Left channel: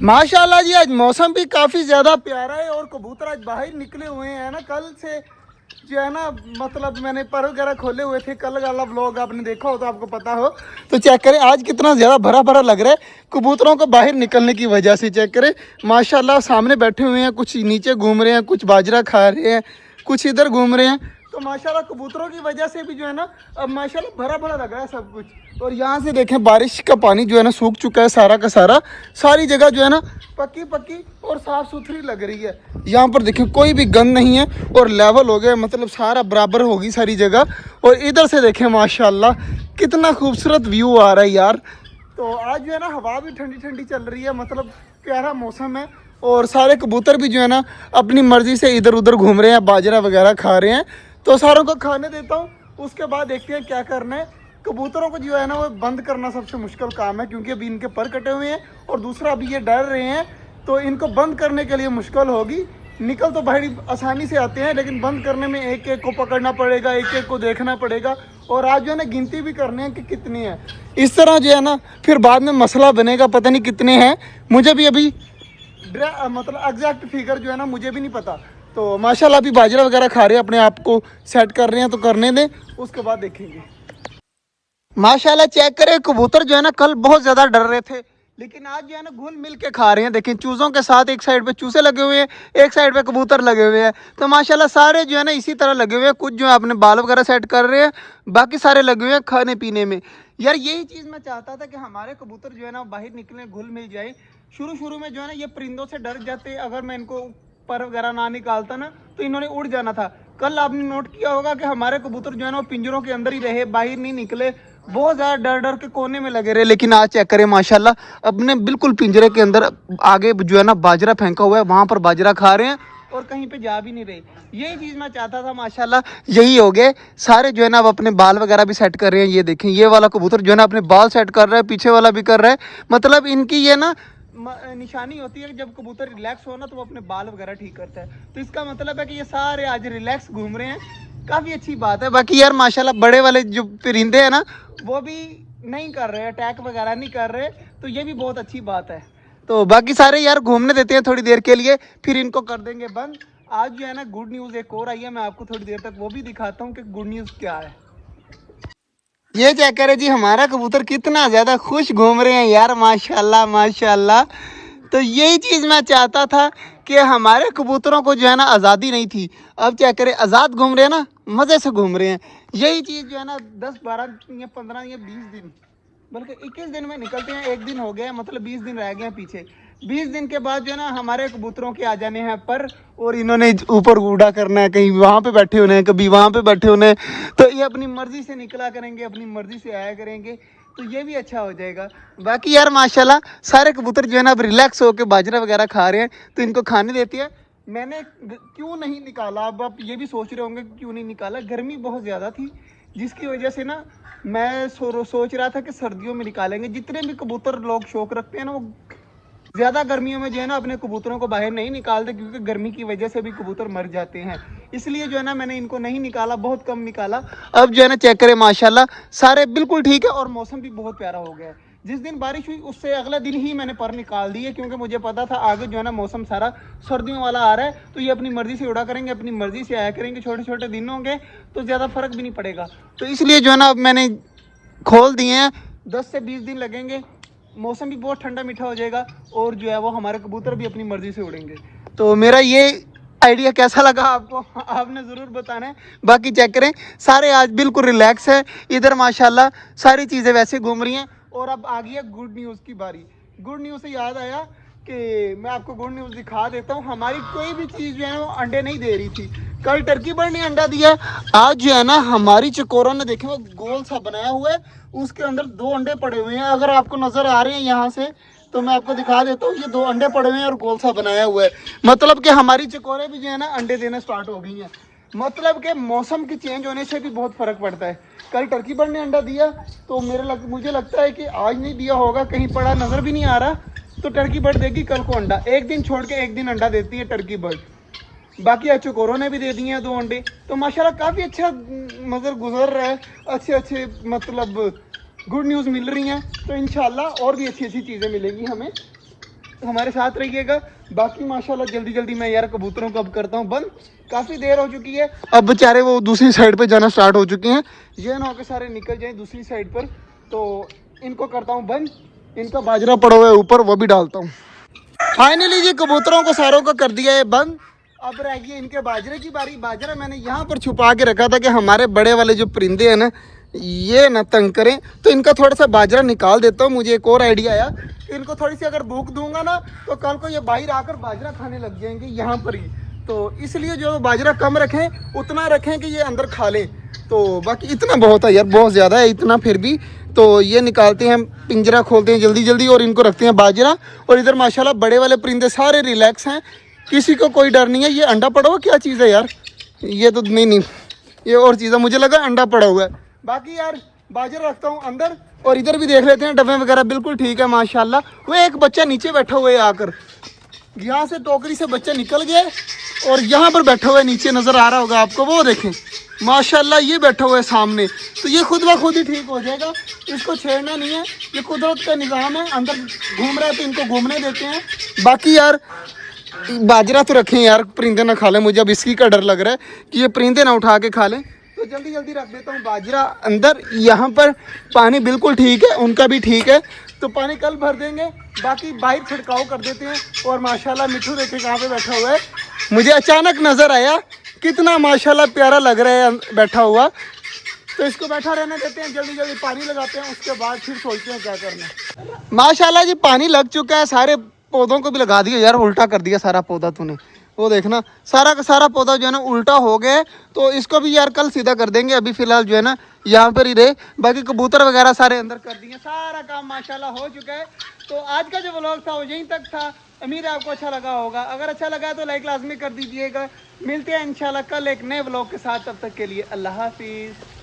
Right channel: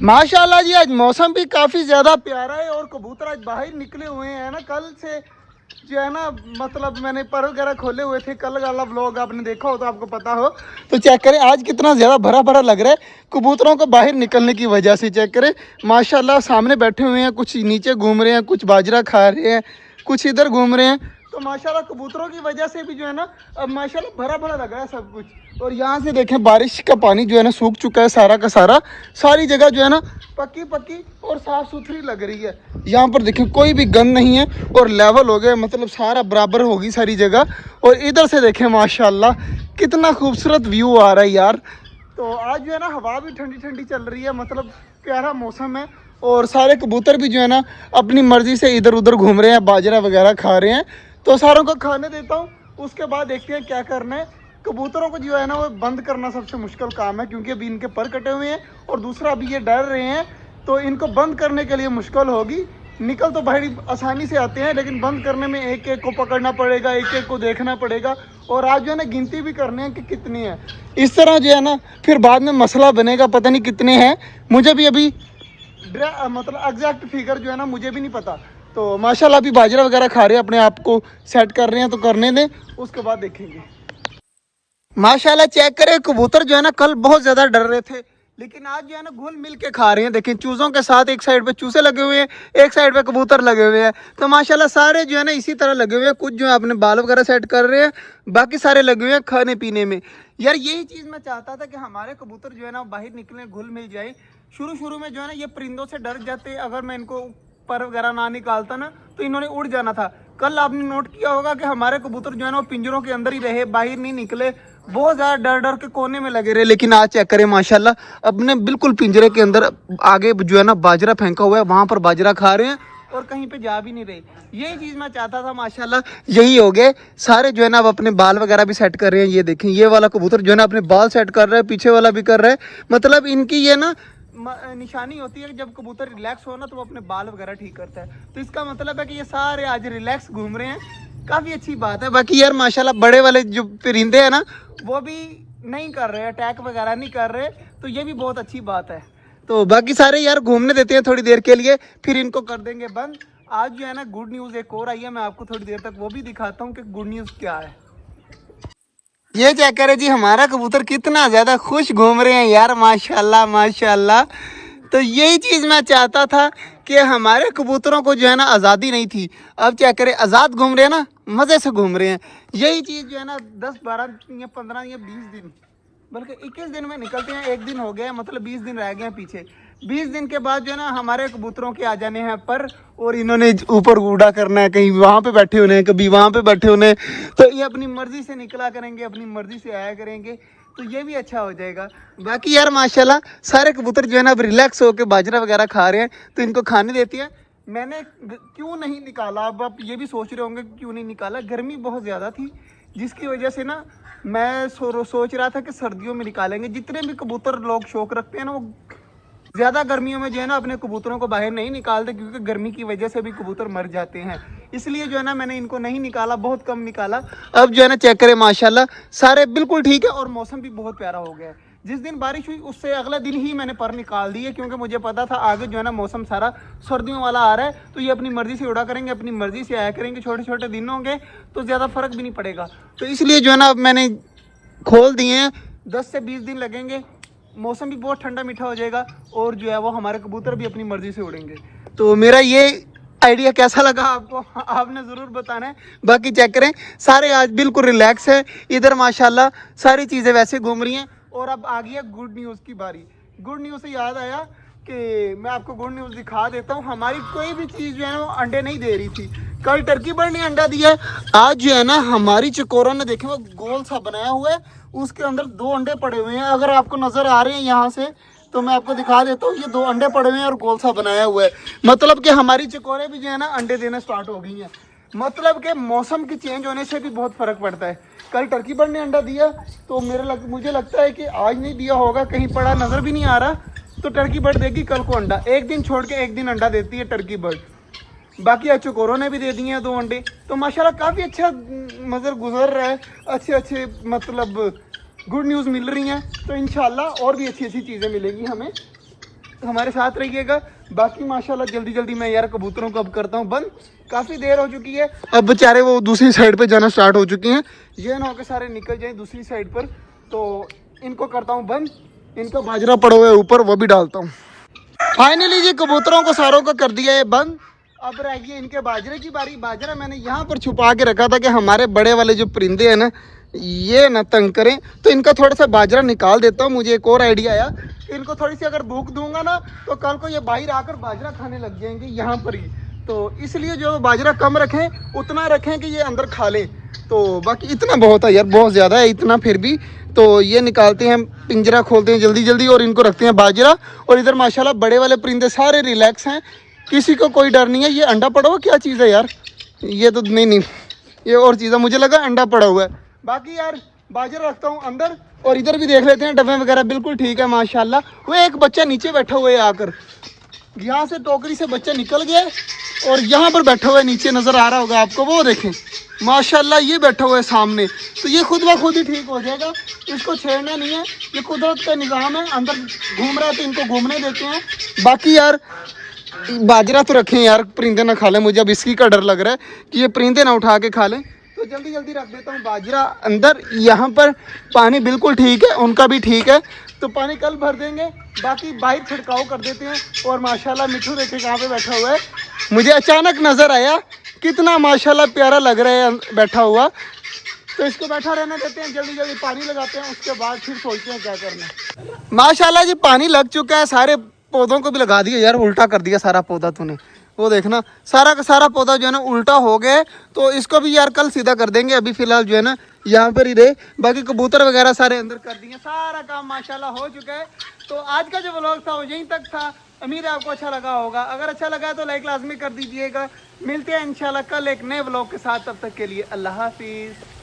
माशाल्लाह जी, आज मौसम भी काफ़ी ज़्यादा प्यारा है और कबूतर आज बाहर निकले हुए हैं ना। कल से जो है ना, मतलब मैंने पर वगैरह खोले हुए थे, कल वाला व्लॉग आपने देखा हो तो आपको पता हो। तो चेक करें आज कितना ज़्यादा भरा भरा लग रहा है कबूतरों को बाहर निकलने की वजह से। चेक करें माशाल्लाह, सामने बैठे हुए हैं, कुछ नीचे घूम रहे हैं, कुछ बाजरा खा रहे हैं, कुछ इधर घूम रहे हैं। तो माशाल्लाह कबूतरों की वजह से भी जो है ना, अब माशाल्लाह भरा भरा लग रहा है सब कुछ। और यहाँ से देखें बारिश का पानी जो है ना सूख चुका है सारा का सारा। सारी जगह जो है ना पक्की पक्की और साफ सुथरी लग रही है। यहाँ पर देखिए कोई भी गंद नहीं है और लेवल हो गया, मतलब सारा बराबर होगी सारी जगह। और इधर से देखें माशाल्लाह कितना खूबसूरत व्यू आ रहा है यार। तो आज जो है ना हवा भी ठंडी ठंडी चल रही है, मतलब प्यारा मौसम है। और सारे कबूतर भी जो है ना अपनी मर्जी से इधर उधर घूम रहे हैं, बाजरा वगैरह खा रहे हैं। तो सारों को खाने देता हूँ, उसके बाद देखते हैं क्या करना है। कबूतरों को जो है ना वो बंद करना सबसे मुश्किल काम है, क्योंकि अभी इनके पर कटे हुए हैं और दूसरा अभी ये डर रहे हैं। तो इनको बंद करने के लिए मुश्किल होगी। निकल तो भाई आसानी से आते हैं, लेकिन बंद करने में एक एक को पकड़ना पड़ेगा, एक एक को देखना पड़ेगा। और आज जो है ना गिनती भी करने हैं कि कितने हैं। इस तरह जो है ना फिर बाद में मसला बनेगा, पता नहीं कितने हैं। मुझे भी अभी मतलब एग्जैक्ट फिगर जो है ना मुझे भी नहीं पता। तो माशाल्लाह अभी बाजरा वगैरह खा रहे हैं, अपने आप को सेट कर रहे हैं, तो करने दें, उसके बाद देखेंगे। माशाल्लाह चेक करें कबूतर जो है ना कल बहुत ज़्यादा डर रहे थे, लेकिन आज जो है ना घुल मिल के खा रहे हैं। देखिए चूज़ों के साथ एक साइड पे चूज़े लगे हुए हैं, एक साइड पे कबूतर लगे हुए हैं। तो माशाल्लाह सारे जो है ना इसी तरह लगे हुए हैं। कुछ जो है अपने बाल वगैरह सेट कर रहे हैं, बाकी सारे लगे हुए हैं खाने पीने में। यार यही चीज़ मैं चाहता था कि हमारे कबूतर जो है ना बाहर निकले, घुल मिल जाए। शुरू शुरू में जो है ना ये परिंदों से डर जाते, अगर मैं इनको पर वगैरह ना निकालता ना तो इन्होंने उड़ जाना था। कल आपने नोट किया होगा कि हमारे कबूतर जो है ना वो पिंजरों के अंदर ही रहे, बाहर नहीं निकले, बहुत ज़्यादा डर डर के कोने में लगे रहे। लेकिन आज चेक करें माशाल्लाह अपने बिल्कुल पिंजरे के अंदर आगे जो है ना बाजरा फेंका हुआ है, वहाँ पर बाजरा खा रहे हैं और कहीं पे जा भी नहीं रहे। यही चीज़ मैं चाहता था, माशाल्लाह यही हो गए। सारे जो है ना अब अपने बाल वगैरह भी सेट कर रहे हैं। ये देखें ये वाला कबूतर जो है ना अपने बाल सेट कर रहा है, पीछे वाला भी कर रहा है। मतलब इनकी ये ना निशानी होती है कि जब कबूतर रिलैक्स हो ना तो वो अपने बाल वगैरह ठीक करता है। तो इसका मतलब है कि ये सारे आज रिलैक्स घूम रहे हैं, काफ़ी अच्छी बात है। बाकी यार माशाल्लाह बड़े वाले जो परिंदे हैं ना वो भी नहीं कर रहे, अटैक वगैरह नहीं कर रहे, तो ये भी बहुत अच्छी बात है। तो बाकी सारे यार घूमने देते हैं थोड़ी देर के लिए, फिर इनको कर देंगे बंद। आज जो है ना गुड न्यूज़ एक और आई है, मैं आपको थोड़ी देर तक वो भी दिखाता हूँ कि गुड न्यूज़ क्या है। ये चेक करें जी हमारा कबूतर कितना ज़्यादा खुश घूम रहे हैं यार, माशाल्लाह माशाल्लाह। तो यही चीज़ मैं चाहता था कि हमारे कबूतरों को जो है ना आज़ादी नहीं थी, अब क्या करें आज़ाद घूम रहे हैं ना, मज़े से घूम रहे हैं। यही चीज़ जो है ना 10 12 या 15 या 20 दिन बल्कि 21 दिन में निकलते हैं। एक दिन हो गया, मतलब 20 दिन रह गए हैं पीछे। 20 दिन के बाद जो है ना हमारे कबूतरों के आ जाने हैं पर, और इन्होंने ऊपर उड़ा करना है, कहीं वहाँ पे बैठे होने हैं, कभी वहाँ पे बैठे होने हैं। तो ये अपनी मर्जी से निकला करेंगे, अपनी मर्जी से आया करेंगे, तो ये भी अच्छा हो जाएगा। बाकी यार माशाल्लाह सारे कबूतर जो है ना अब रिलैक्स होकर बाजरा वगैरह खा रहे हैं, तो इनको खाने देती है। मैंने क्यों नहीं निकाला, अब आप ये भी सोच रहे होंगे क्यों नहीं निकाला। गर्मी बहुत ज़्यादा थी, जिसकी वजह से ना मैं सोच रहा था कि सर्दियों में निकालेंगे। जितने भी कबूतर लोग शौक रखते हैं ना वो ज़्यादा गर्मियों में जो है ना अपने कबूतरों को बाहर नहीं निकालते, क्योंकि गर्मी की वजह से भी कबूतर मर जाते हैं। इसलिए जो है ना मैंने इनको नहीं निकाला, बहुत कम निकाला। अब जो है ना चेक करें माशाल्लाह सारे बिल्कुल ठीक है और मौसम भी बहुत प्यारा हो गया है। जिस दिन बारिश हुई उससे अगले दिन ही मैंने पर निकाल दिए, क्योंकि मुझे पता था आगे जो है ना मौसम सारा सर्दियों वाला आ रहा है, तो ये अपनी मर्जी से उड़ा करेंगे, अपनी मर्जी से आया करेंगे। छोटे छोटे दिन होंगे तो ज़्यादा फर्क भी नहीं पड़ेगा। तो इसलिए जो है ना अब मैंने खोल दिए हैं। 10 से 20 दिन लगेंगे, मौसम भी बहुत ठंडा मीठा हो जाएगा और जो है वो हमारे कबूतर भी अपनी मर्जी से उड़ेंगे। तो मेरा ये आइडिया कैसा लगा आपको, आपने ज़रूर बताना है। बाकी चेक करें सारे आज बिल्कुल रिलैक्स है। इधर माशाल्लाह सारी चीज़ें वैसे घूम रही हैं। और अब आ गई है गुड न्यूज़ की बारी। गुड न्यूज़ से याद आया कि मैं आपको गुड न्यूज़ दिखा देता हूँ। हमारी कोई भी चीज़ जो है ना वो अंडे नहीं दे रही थी। कल टर्की बर्ड ने अंडा दिया है, आज जो है ना हमारी चकोरों ने देखे वो गोल सा बनाया हुआ है, उसके अंदर 2 अंडे पड़े हुए हैं। अगर आपको नजर आ रहे हैं यहाँ से तो मैं आपको दिखा देता हूँ, ये 2 अंडे पड़े हुए हैं और गोल सा बनाया हुआ है। मतलब कि हमारी चिकोरे भी जो है ना अंडे देना स्टार्ट हो गई हैं। मतलब कि मौसम के चेंज होने से भी बहुत फर्क पड़ता है। कल टर्की बर्ड ने अंडा दिया, तो मुझे लगता है कि आज नहीं दिया होगा, कहीं पड़ा नजर भी नहीं आ रहा। तो टर्की बर्ड देगी कल को अंडा, एक दिन छोड़ के एक दिन अंडा देती है टर्की बर्ड। बाकी आज चकोरों ने भी दे दिए हैं 2 अंडे। तो माशाल्लाह काफ़ी अच्छा मतलब गुजर रहा है, अच्छे मतलब गुड न्यूज़ मिल रही हैं। तो इंशाल्लाह और भी अच्छी अच्छी चीज़ें मिलेंगी हमें। हमारे साथ रहिएगा। बाकी माशाल्लाह जल्दी जल्दी मैं यार कबूतरों को अब करता हूँ बंद, काफ़ी देर हो चुकी है। अब बेचारे वो दूसरी साइड पे जाना स्टार्ट हो चुके हैं, ये ना होकर सारे निकल जाएं दूसरी साइड पर। तो इनको करता हूँ बंद, इनका बाजरा पड़ा हुआ है ऊपर, वो भी डालता हूँ। फाइनली ये कबूतरों को सारों का कर दिया है बंद। अब रह गई इनके बाजरे की बारी। बाजरा मैंने यहाँ पर छुपा के रखा था कि हमारे बड़े वाले जो परिंदे हैं ना ये ना तंग करें, तो इनका थोड़ा सा बाजरा निकाल देता हूँ। मुझे एक और आइडिया आया, इनको थोड़ी सी अगर भूख दूंगा ना तो कल को ये बाहर आकर बाजरा खाने लग जाएंगे यहाँ पर ही। तो इसलिए जो बाजरा कम रखें, उतना रखें कि ये अंदर खा लें। तो बाकी इतना बहुत है यार, बहुत ज़्यादा है इतना फिर भी। तो ये निकालते हैं, पिंजरा खोलते हैं जल्दी जल्दी और इनको रखते हैं बाजरा। और इधर माशाल्लाह बड़े वाले परिंदे सारे रिलैक्स हैं, किसी को कोई डर नहीं है। ये अंडा पड़ा हुआ क्या चीज़ है यार, ये तो नहीं ये और चीज़ है, मुझे लगा अंडा पड़ा हुआ है। बाकी यार बाजरा रखता हूँ अंदर। और इधर भी देख लेते हैं डब्बे वगैरह बिल्कुल ठीक है माशाल्लाह। वो एक बच्चा नीचे बैठा हुआ है आकर, यहाँ से टोकरी से बच्चा निकल गया और यहाँ पर बैठा हुआ है, नीचे नज़र आ रहा होगा आपको, वो देखें माशाल्लाह ये बैठा हुआ है सामने। तो ये खुद ब खुद ही ठीक हो जाएगा, इसको छेड़ना नहीं है, ये कुदरत का निज़ाम है। अंदर घूम रहा है तो इनको घूमने देते हैं। बाकी यार बाजरा तो रखें यार, परिंदे ना खा लें। मुझे अब इसकी का डर लग रहा है कि ये परिंदे ना उठा के खा लें, तो जल्दी जल्दी रख देता हूँ बाजरा अंदर। यहाँ पर पानी बिल्कुल ठीक है, उनका भी ठीक है, तो पानी कल भर देंगे। बाकी बाहर छिड़काव कर देते हैं। और माशाल्लाह मिठू देखे कहाँ पे बैठा हुआ है, मुझे अचानक नज़र आया, कितना माशाल्लाह प्यारा लग रहा है बैठा हुआ। तो इसको बैठा रहने देते हैं, जल्दी जल्दी पानी लगाते हैं, उसके बाद फिर सोचते हैं क्या करना है। माशाल्लाह जी पानी लग चुका है, सारे पौधों को भी लगा दिया यार, उल्टा कर दिया सारा पौधा तूने, वो देखना सारा का सारा पौधा जो है ना उल्टा हो गया है। तो इसको भी यार कल सीधा कर देंगे, अभी फिलहाल जो है ना यहाँ पर ही रहे। बाकी कबूतर वगैरह सारे अंदर कर दिए, सारा काम माशाल्लाह हो चुका है। तो आज का जो व्लॉग था वो यहीं तक था, उम्मीद है आपको अच्छा लगा होगा। अगर अच्छा लगा है तो लाइक लाजमी कर दीजिएगा। मिलते हैं इंशाल्लाह कल एक नए व्लॉग के साथ, तब तक के लिए अल्लाह हाफिज़।